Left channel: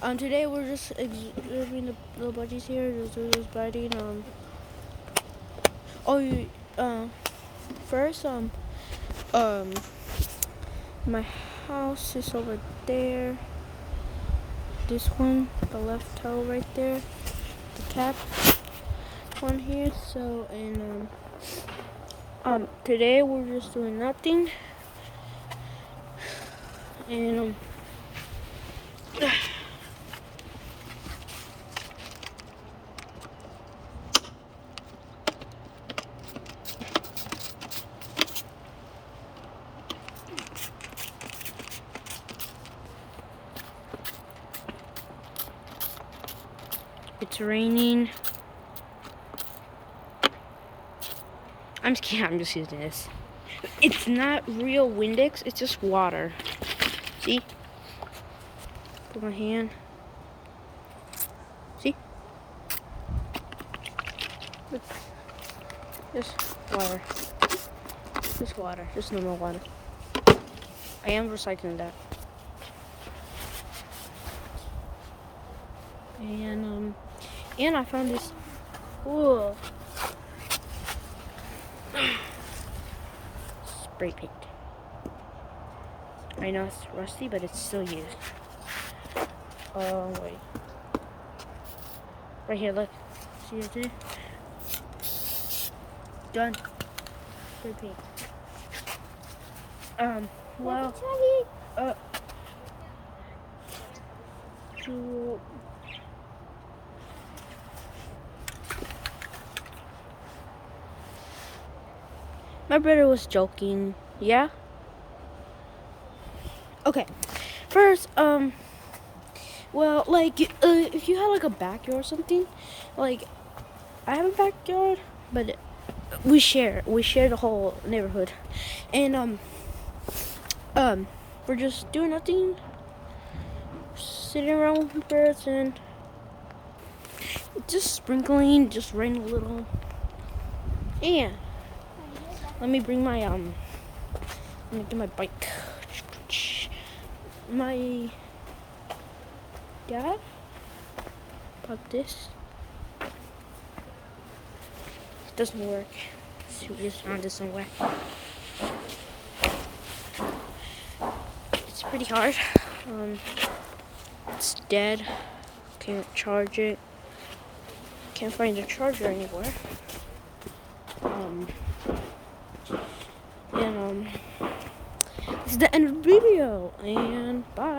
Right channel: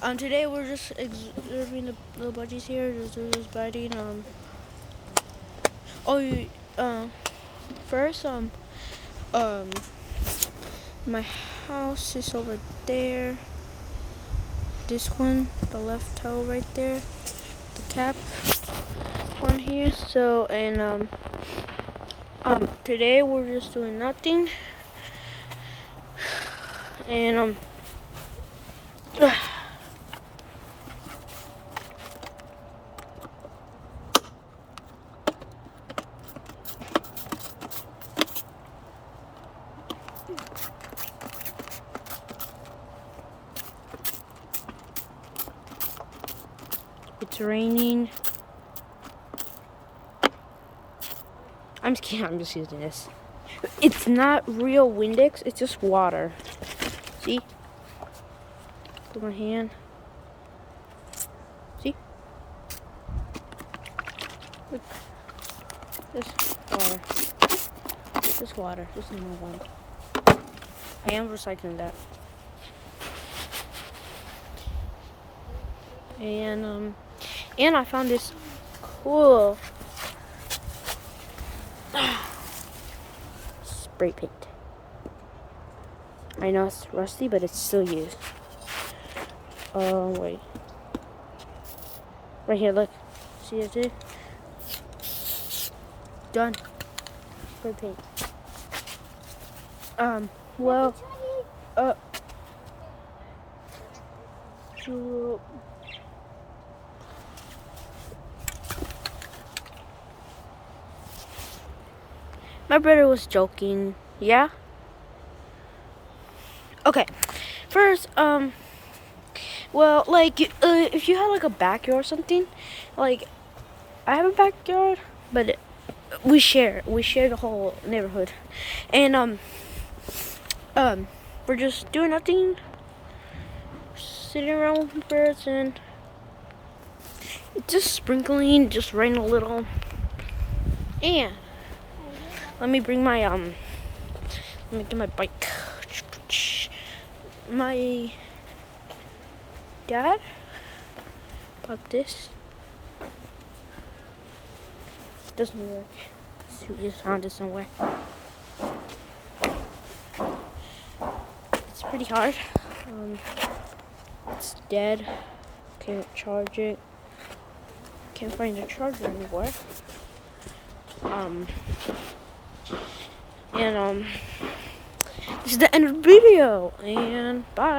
Today we're just observing the little budgies here. Just biting. First, my house is over there. This one, the left toe right there, the cap one here. So, and today we're just doing nothing, and it's raining. I'm just using this. It's not real Windex, it's just water. See? Put my hand. See? Look. Just water. Just water. Just normal water. I am recycling that. And I found this cool spray paint. I know it's rusty, but it's still used. Oh, wait. Right here, look. See what it is? Done. Spray paint. Well, my brother was joking. Yeah? Okay. First, well, like, if you have like a backyard or something, like, I have a backyard, but we share the whole neighborhood, and we're just doing nothing, sitting around with birds, and it's just sprinkling, just rain a little. And let me bring my let me get my bike. My dad bought this. It doesn't work. Just found it somewhere. It's pretty hard. It's dead. Can't charge it. Can't find the charger anywhere. This is the end of the video, and bye.